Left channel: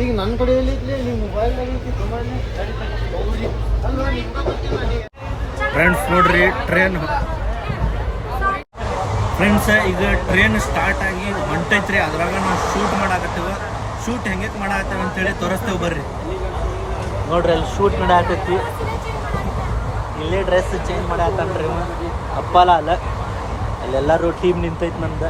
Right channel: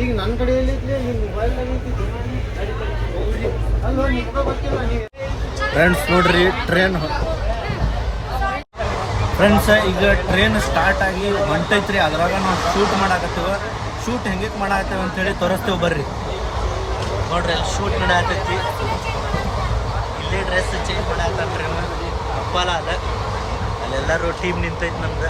ಈಗ ನನ್ನ ಕಡೆಯಲ್ಲಿ ಫ್ರೆಂಡ್ಸ್ ನೋಡ್ರಿ ಟ್ರೈನ್ ಫ್ರೆಂಡ್ಸ್ ಈಗ ಟ್ರೈನ್ ಸ್ಟಾರ್ಟ್ ಆಗಿ ಹೊಂಟೈತ್ರಿ. ಅದ್ರಾಗ ನಾವು ಶೂಟ್ ಮಾಡಾಕತ್ತೀವ. ಶೂಟ್ ಹೆಂಗೆ ಮಾಡಾಕತ್ತೇವೆ ಅಂತೇಳಿ ತೋರಿಸ್ತೇವೆ ಬರ್ರಿ. ನೋಡ್ರಿ ಅಲ್ಲಿ ಶೂಟ್ ನಡಾಕತ್ತಿ. ಇಲ್ಲೇ ಡ್ರೆಸ್ ಚೇಂಜ್ ಮಾಡಾಕ್ರಿ ಅಪ್ಪಲ ಅಲ್ಲ. ಅಲ್ಲೆಲ್ಲರೂ ಟೀಮ್ ನಿಂತೈತಿ ನಮ್ದು.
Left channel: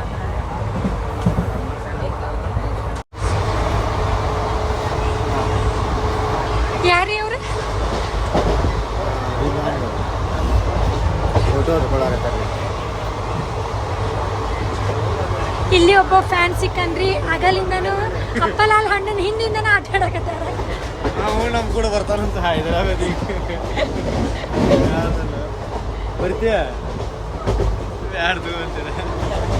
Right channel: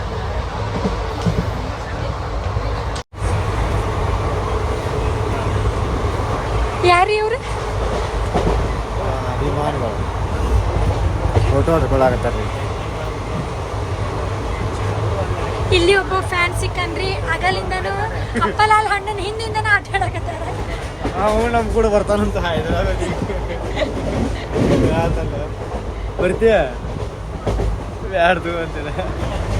ಯಾರೀ ಅವ್ರ? ಇಲ್ಲಿ ಒಬ್ಬ ಫ್ಯಾನ್ ಸಿಕ್ಕನ್ರಿ. ಆಗಲಿಂದನು ಅಪ್ಪಲಾಲ್ ಹಣ್ಣನ್ ಹಿಂದಿಂದನ ಆಟ ಆಡಕತ್ತಾರ ನಮ್ ಕೂಡ ಬರ್ತಾನಂತ ಬರ್ತೀಯ? ಯಾರ್ದು ಅಂತಿದೆ?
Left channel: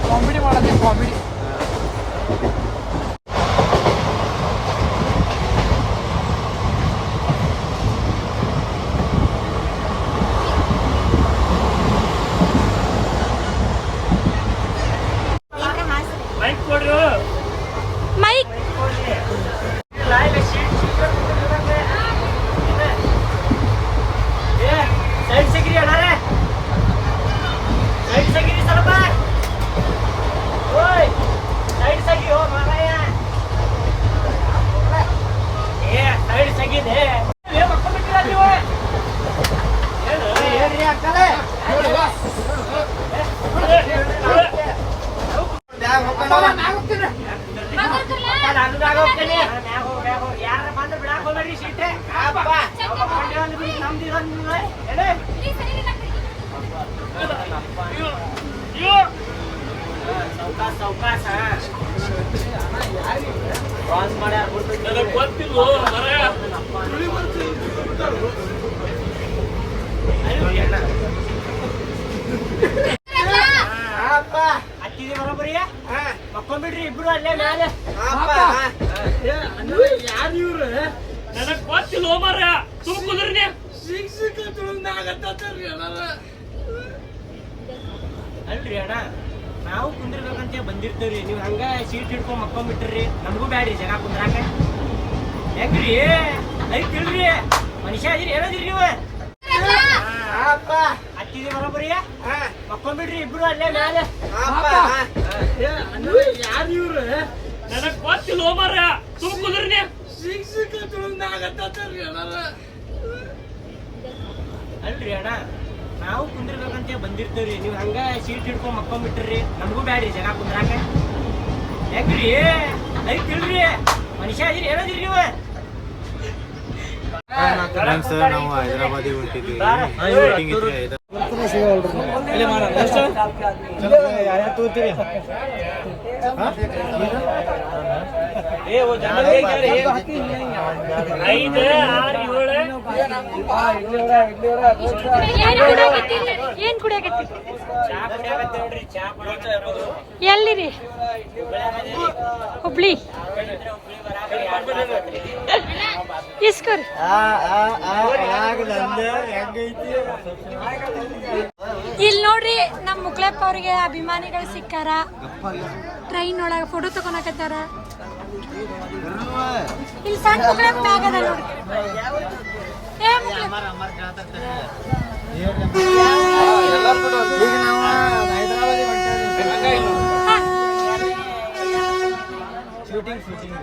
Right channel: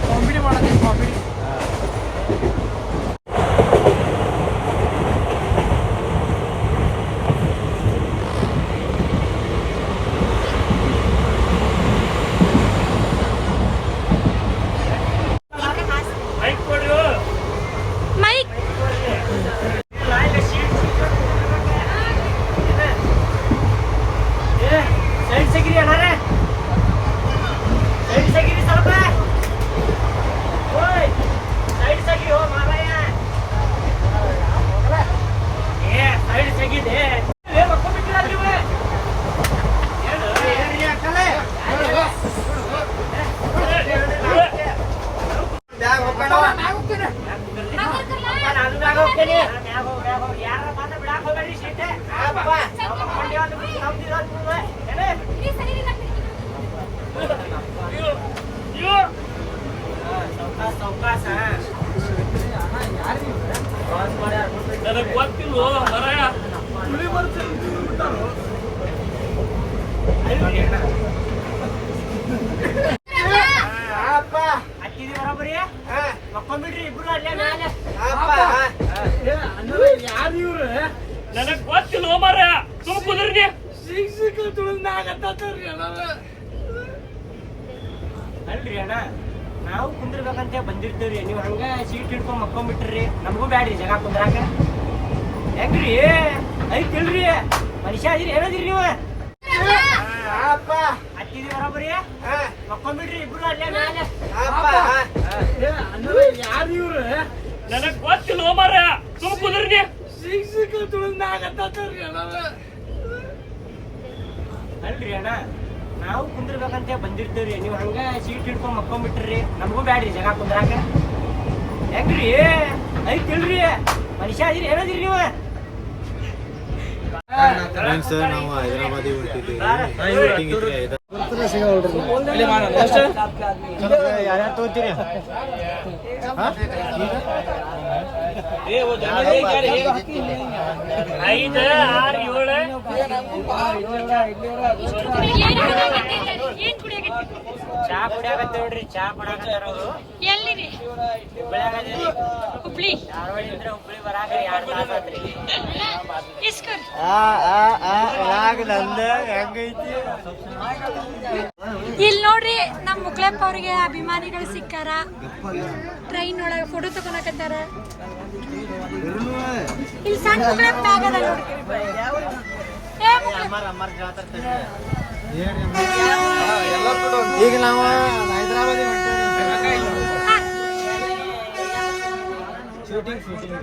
ಕಾಮಿಡಿ ಮಾಡೋದು ಕಾಮಿಡಿ ಮಕ್ಕೊಂಡ್ಬಿಡ್ರಿ ಇಬ್ರು ಅಲ್ಲೇ ಮೇಲೆ ಯಾರು ಇವ್ರು? ನನಗ್ ಗೊತ್ತಿಲ್ಲ ಹೋಮಾರ ತುಂಬ ಕುದ್ರಿ ಶಿಕ್ಷಕ ತುಳಿದಾಗತ್ತಾರ್ರಿ ಅಲ್ರಿ ಅಣ್ಣ ನಾವು ಕುಂದಿರ್ಬೇಕಂತ ಬಂದಿರ್ತೀವ್ರಿ. ನೀವು ಹಂಗ ಸೀಟ್ ಹಿಡ್ಕೊಂಡ್ ಮಕ್ಕೊಂಡ್ಬಿಟ್ರಿ ನಮಗೂ ಬ್ಯಾಡ್ರಿ ಜನ ಕುಂದ್ರಾಕ. ಹೆಂಗ್ರಿ? ಐತಿಲ್ರಿ ಮನುಷ್ಯ ಅದಿರಿ ಹೇಳದಿರಿ ನೀವು? ಅಪ್ಪ. ಹತ್ತಿದಿ ಬರೋಬ್ಬರಿ? ಮಕ್ಕೊಂಡ್ಬಿಡ್ರಿ ಇಬ್ರು ಅಲ್ಲೇ ಮೇಲೆ ಯಾರು ಇವ್ರು? ನನಗ್ ಗೊತ್ತಿಲ್ಲ ಮಾರ ಸುಮ್ ನಾಗತ್ತ ಶಿಕ್ಷಕ ತುಳಿದಾಗತ್ತಾರ್ರಿ ಅಲ್ರಿ ಅಣ್ಣ. ನಾವು ಕುಂದಿರ್ಬೇಕಂತ ಬಂದಿರ್ತೇವ್ರಿ. ನೀವು ಹಂಗ ಸೀಟ್ ಹಿಡ್ಕೊಂಡ್ ಮಕ್ಕೊಂಡ್ಬಿಟ್ರಿ. ನಮಗೂ ಬ್ಯಾಡ್ರಿ ಜನ ಕುಂದ್ರಾಕ. ಹೆಂಗ್ರಿ? ತಿಳ್ರಿ. ಮನುಷ್ಯ ಅದಿರಿ ಹೇಳದ್ರಿ ನೀವು? ಫ್ರೆಂಡ್ಸ್ ನಾವು ಹೈದರಾಬಾದಿಗೆ ಹೊಂಟಿದ್ದೀವಿ. ಮೀಟಿಂಗ್ ಇದ್ರೆ ಯಾರ್ಯಾರು ತಗೋತೀರಿ? ಐದು ಆರು ಏಳು. ಏನ್ ಕುಡಿಯಾಕತ್ತಿ ಚಾ ಕುಡಿಯಾಕತ್ತಿ ನೋಡ್ರಿ. ಚಾ ಎಲ್ಲಿರಿ? ಹುಬ್ಳಿ. ಇಸ್ಕೊರಿ ಇಲ್ಲಿ ನೋಡ್ರಿ ನಮ್ಮ ಮುಕ್ಳಪ್ಪ ಅವ್ರಿಗೆ ಅಭಿಮಾನಿಗಳು ಸಿಕ್ಕಾರ. ಟ್ರೈನ್ ಒಳಗೆ ಫೋಟೋ ತಗೊಳಕತ್ತಾರ ಇಲ್ಲಿ ಸಣ್ಣ ಮುಕ್ಳಪ್ಪ ಆಗದ ನೋಡ್ರಿ. ಏ ಈಗ ನಾವು ಹೈದರಾಬಾದಿಗೆ ಹೊಂಟೇವಿ ಹಾ. ಶೂಟಿಂಗ್ ಶೂಟಿಂಗ್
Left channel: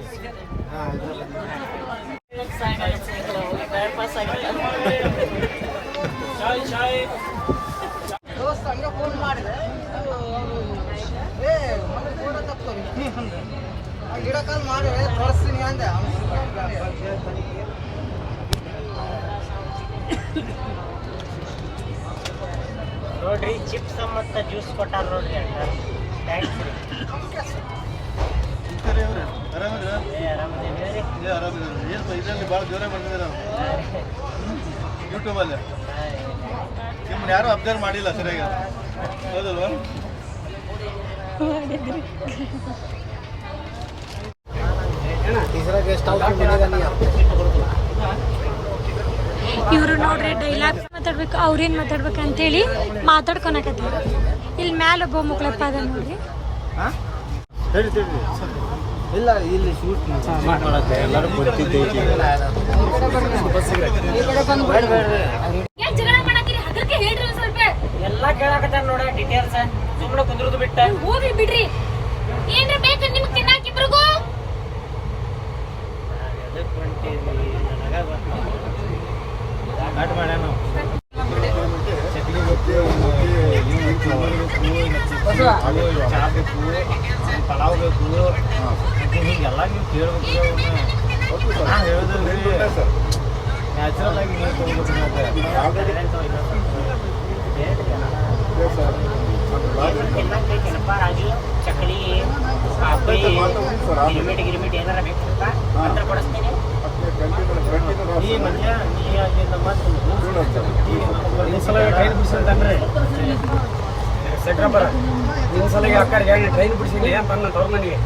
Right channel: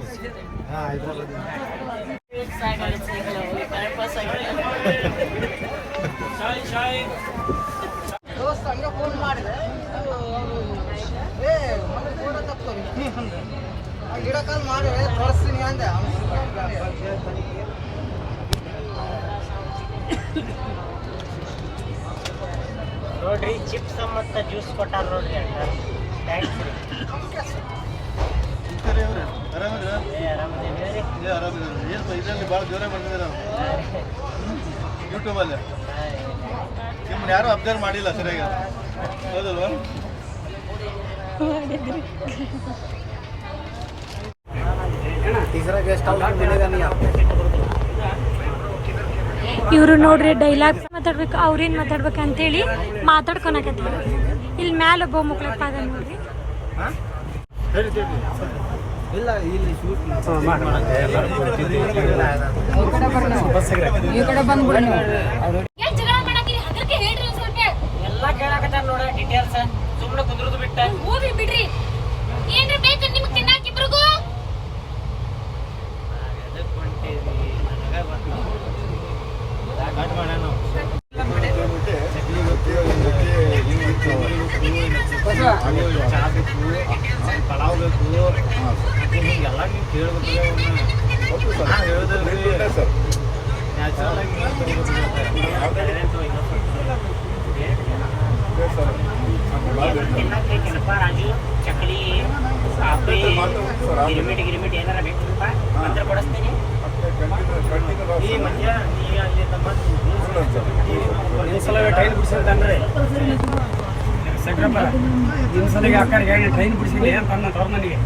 ಹಾ ದೋಸ್ತ ಹಂಗ ಫೋನ್ ಮಾಡಿದೆ ಏ ಮನೆ ಫೋಟೋ ತಕ್ಕೋರಿ ಗಿಡ ಕಾಲ್ ಮಾಡಿ ತೋರಿಸ್ತೀನಿ ಅಂದೆ ನೋಡ್ರಿ ಚಿಪ್ಸ್ ಮತ್ತ ಜ್ಯೂಸ್ ಕೊಟ್ಟಾರ ನೋಡ್ರಿ ಅಣ್ಣ ಥ್ಯಾಂಕ್ಸ್ ರೀ. ಏ ಆರಾಮದೇನಿ ಹೇಳ್ರಿ ಇದರಲ್ಲಿ ಭಾಳ ಜೋರ ಬಂದಿದ್ದಾರೆ ಯೂಟ್ಯೂಬಲ್ಲಿ? ನಿಮ್ಮನ್ನ ಯಾರು ಅಬ್ಸರ್ವ್ ಮಾಡಿಲ್ಲ ಸರಿಯಾಗಿ. ಹೌದಲ್ವಾ? ಇವರು ನೋಡ್ರಿ ಡೈಲಾಗ್ ಮಾತಾಡ್ಬೇಕು ಅವ್ರೇನ್ ಮಾತಾಡ್ಬೇಕು ಅಂತೇಳಿ ಮಾತಾಡ್ಕೊಳಕತ್ತೀವಿ ಇಲ್ಲಿ ಮ್ಯಾಲ ಒಬ್ಬ ಮುಕ್ಳಪ್ಪ ಅದ ನೋಡ್ರಿ. ಇಲ್ಲ ಇಲ್ಲಿ ಶೂಟ್ ಈ ಕಡೆ ಬಂದು ಏನ್ ಜಗಳ ಮಾಡಾಕಿರಿ ಹಗರ್ಕೆ ಹೇಳ್ರಿ ಸ್ವಲ್ಪ. ಎಲ್ಲಾ ಕೇಳಾಕತ್ತಾರ ನೋಡ ಡೀಟೇಲ್ಸ್ ಸುಮ್ಮನೆ ಕುಂದ್ರದು ಬಿಟ್ಟ. ಹೋಗಿ ಬಿಡ್ರಿ. ನ್ಯಾಚುರಲ್ ಆಗಿ ರಾಜು ಚಕ್ಲಿ ಗಿರಿಮಿಟ್ ಗಿರಿಮಿಟ್ ಏನಾರ ಬೇಕಪ್ಪ ಮಾತ್ರ ಕೊಡಿಸ್ತೇನೆ ಈ ಮಧ್ಯ ನೀ ಅಲ್ಲಿಂದ ಟ್ರೈನ್ ಬಿಡಿಸಿದ್ದೆ ಅಂತ ನನ್ನ ತವ್ರ ಮನೆಗೆ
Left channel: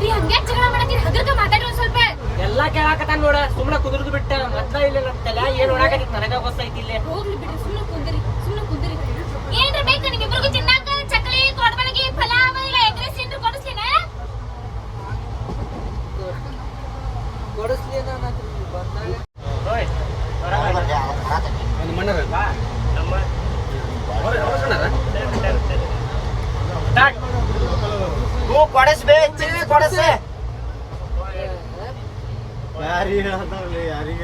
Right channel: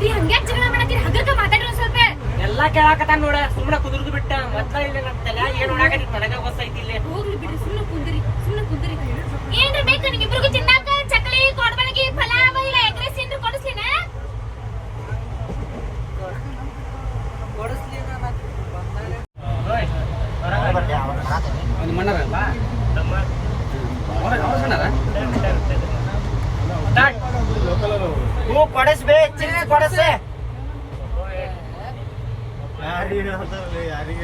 ರೀ ಹಂಗೆ ಜಗಳ ಮಾತಾಡ್ರಿ ಒಂದ್ ಸ್ವಲ್ಪ. ಎಲ್ಲಾ ಕೇಳಾಕತ್ತಾನ ನೋಡ. ಸುಮ್ಮನೆ ಕುದುರ್ದು ಬಿಟ್ಟ. ಮೊದ್ಲ ಇಲ್ಲ ತಲೆ. ಏನ್ ನೋಡಾಕತ್ತಿ ಹೊಸ ಗೊತ್ತೈತಿ ಇಲ್ಲೇ. ಹೋಗ್ಲಿ ಬಿಡ್ರಿ ಸುಮ್ನೆ હું પડેશ બે ચીલી પડશે. યારી ના તો લે યારી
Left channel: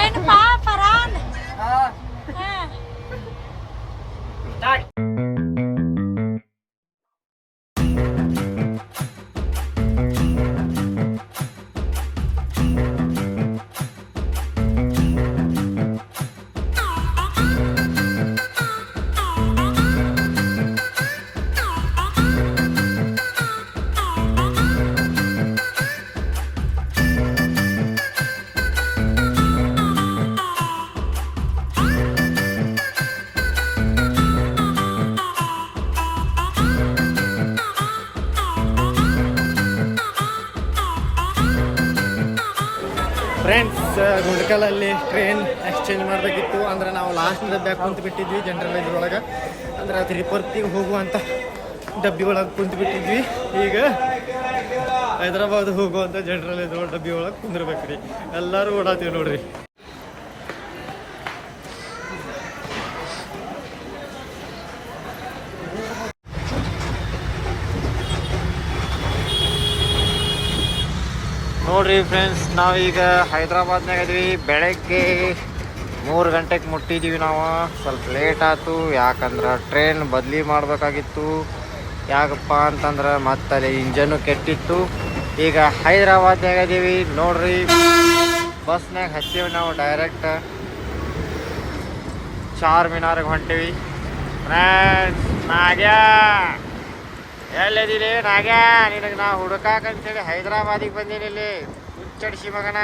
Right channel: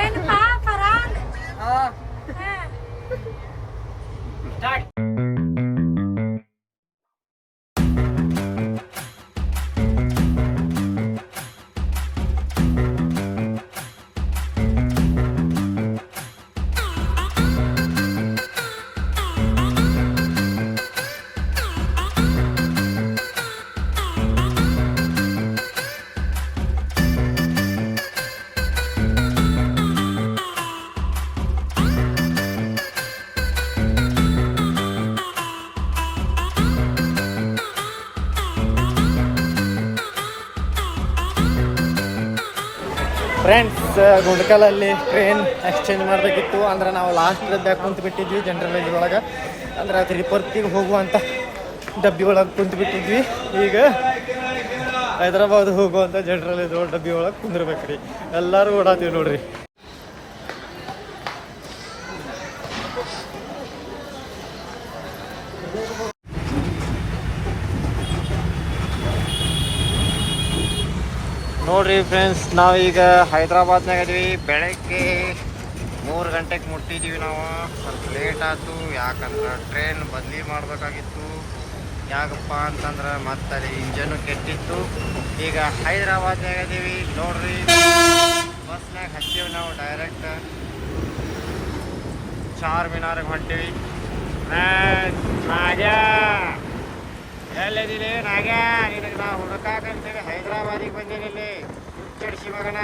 એન પા પરાન. હા. હા. ಫ್ರೆಂಡ್ಸ್ ಗುಂಡ್ಕಲಲ್ಲಿ ಟ್ರೈನ್ ಎಕ್ಸ್ಚೇಂಜ್ ಮಾಡಬೇಕಿತ್ತು. ಅಂದ್ರೆ ನಾವು ಲಾಸ್ಟ್ ಬ್ಯಾಗ್ ಕುಂತು ಬಿಟ್ಟಿದ್ವಿ ಜನರಲ್ ಇದ್ರೊಳಗೆ ಅಂದ್ರೆ ತಿರುಪತಿಗೆ ಹೋಗುವಂಥ ಡಬ್ಬಿ ಒಳಗೆ ಕುಂತು ಬಿಟ್ಟಿದ್ವಿ. ಈಗ ಹೈದ್ರಾಬಾದ್ ಹೋಗುವಂಥ ಜನರಲ್ ಇದ್ರೊಳಗೆ ಡಬ್ಬಿ ಒಳಗೆ ಕುಂದಿರ್ಬೇಕ್ರಿ. ಎಲ್ಲರೂ ಓಡಾತೀವಿ ನೋಡ್ರಿ. ನೋಡ್ರಿ ಫ್ರೆಂಡ್ಸ್ ನಾವೀಗ ಹೈದ್ರಾಬಾದ್ನಾಗ ಇದೀವಿ. ಬೆಳಗ್ಗೆ ಮೂರು ಗಂಟೆಗೆ ಮುಟ್ಟಿದ್ದೀವಿ ನಾವು. ಸ್ವಲ್ಪ ಲೇಟ್ ಆಯ್ತು. ಯಾಕಂದ್ರೆ ಟ್ರೈನ್ ಬದಲಿ ಮಾಡಬೇಕಾಗಿತ್ತು. ಯಾಕಪ್ಪ ಅಂತಂದ್ರೆ ಮತ್ತೆ ಅಲ್ಲಿ ಇಂಜನ್ನು ಕೆಟ್ಟಿತ್ತು. ಈಗ ಹೈದ್ರಾಬಾದ್ನಾಗ ಇದೀವಿ. ನೋಡ್ರಿ ಬಸ್ನಾಗ ಹಚ್ಚೀವಿ ನಾವು ಡೈರೆಕ್ಟ್ ಚಾರ್ ಮಿನಾರ್ಗೆ ಹೊಂಟೀವಿ. ಫ್ರೆಂಡ್ಸ್ ನಾಗ್ಯಾ! ಎಲ್ಲಿದ್ದೀರಿ ನಾಗ ನಿನಗೆ ನಾ ಹುಡುಕಾಕಂತೇಳಿ ಹೈದರಾಬಾದಿಗೆ ಬಂದೀನಿ ಇಲ್ಲಿ? ಹುಚ್ಚಡಿಸಿ ಮಗನ.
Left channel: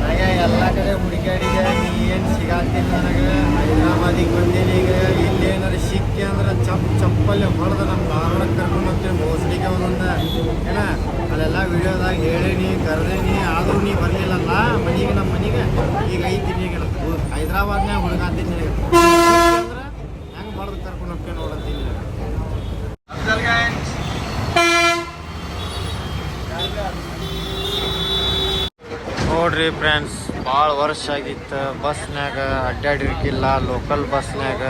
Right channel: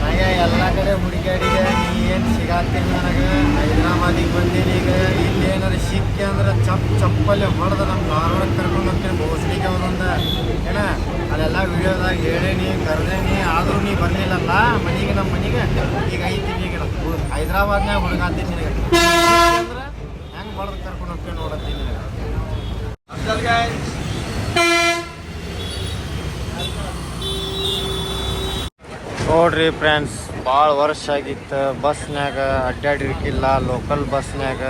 ನಾಗ್ಯ ಎಲ್ಲ ಕಡೆ ಹುಡುಗಾಡಿಗೆ ನೀ ಏನು ಸಿಗಾತಿಲ್ಲ ನನಗೆ ಹೈದರಾಬಾದಿಗೆ ಬಂದೀನಿ ಈಗ? ಇಲ್ಲಿ ಏನಾರು ಸಿಕ್ಕಿ ಅಂದ್ರೆ ಚಪ್ ಚಪ್ಪಲ್ಲಿ ಹೊಡೆದ ನಮ್ಮ ಧಾರವಾಡಕ್ಕೆ ಕರ್ಕೊಂಡು ಹೋಗ್ತೀನಿ ಬೋಸಡಿಗೆ ಅವರೊಂದು ಏನ, ಅಲ್ಲೆಲ್ಲ ವಿಡಿಯೋದಾಗ ಹೇಳೀನಿ, ಕರೆದೇನಿ, ಆದರೂ ನೀ ಬರಲಿಲ್ಲಲ್ಲ ಮನೆಗೆ ನಮ್ಮ ಮನೆಗೆ. ಈಗ ಐತಿ, ಈಗ ಹೈದರಾಬಾದ್ನಾಗ ಹುಡುಗಾತೀನಿ ನಿನಗೆ. ಹೊಡೆದು ಕರ್ಕೊಂಡು ನೋಡ್ರಿ ಫ್ರೆಂಡ್ಸ್ ಭಾಳ ವರ್ಷ ಆಗಿತ್ತು. ಬಸ್ನ್ಯಾಗ ಅಡ್ಡಾಡಿರ್ಕಿಲ್ಲ ಲೋಕಲ್ ಬಸ್ನ್ಯಾಗ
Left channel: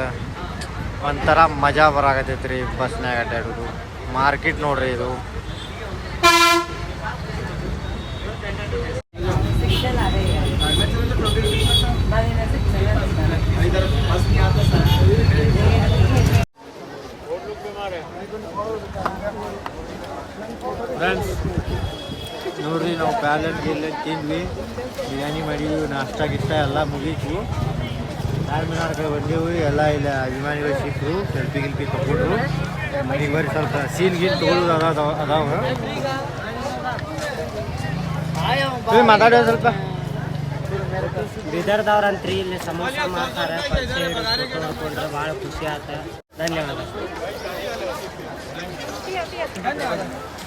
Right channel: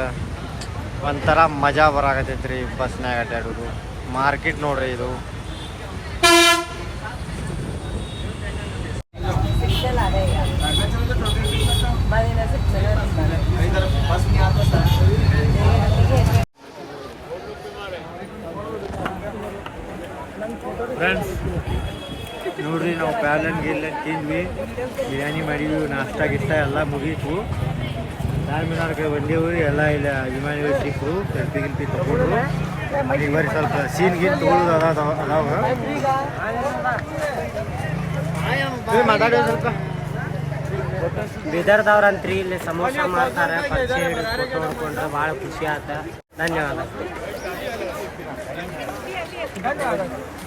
ಒಂಥರ ಮಜಾ ಬರಾಕತೈತ್ರಿ ಬಸ್ನ್ಯಾಗ ಅಡ್ಡಾಡೋದು. ಮಾರ್ಕೆಟ್ ನೋಡ್ರಿ ಇದು. ಫ್ರೆಂಡ್ಸ್ ನೋಡ್ರಿ ನಾವು ಪ್ಯಾಲೆಟ್ ಗಿಲ್ಲನ್ ತಿಂದ್ವಿ. ಬಿರಿಯಾನಿ ಮಾಡಿದ್ವಿ ನಾಷ್ಟ ಗಿಷ್ಟ ಎಲ್ಲ ಮುಗೀತು. ಚಾರ್ಮಿನಾರ್ ಕಡೆ ಬಂದೆವು ಎಲ್ಲ ಇಲ್ಲ ಅಭಿಮಾನಿಗಳು ಸಿಕ್ಕರು ಸೆಲ್ಫಿ ಗಿಲ್ಫಿ ತಗೊಂಡ್ರು. ಈಗ ಬರೀ ಸ್ವಲ್ಪ ಸೀನ್ ಗೀನ್ ತಗೊಳ್ಳೋದು ಅದಾವ ಅದಾವ ಸ್ವಲ್ಪ. ಬೀದರ್ದವ್ರಂತ್ರಿ ಇಲ್ಲಿ ಸಮೋಸ ಮಾಡ್ತಾರೆ ಪರಿಚಯ ಹಿಡಿದು ಫೋಟೋ ಹೊಡ್ಕೊಂಡ್ರೆ ಭಾಳ ಖುಷಿ ಆತ. ಧನ್ಯವಾದ.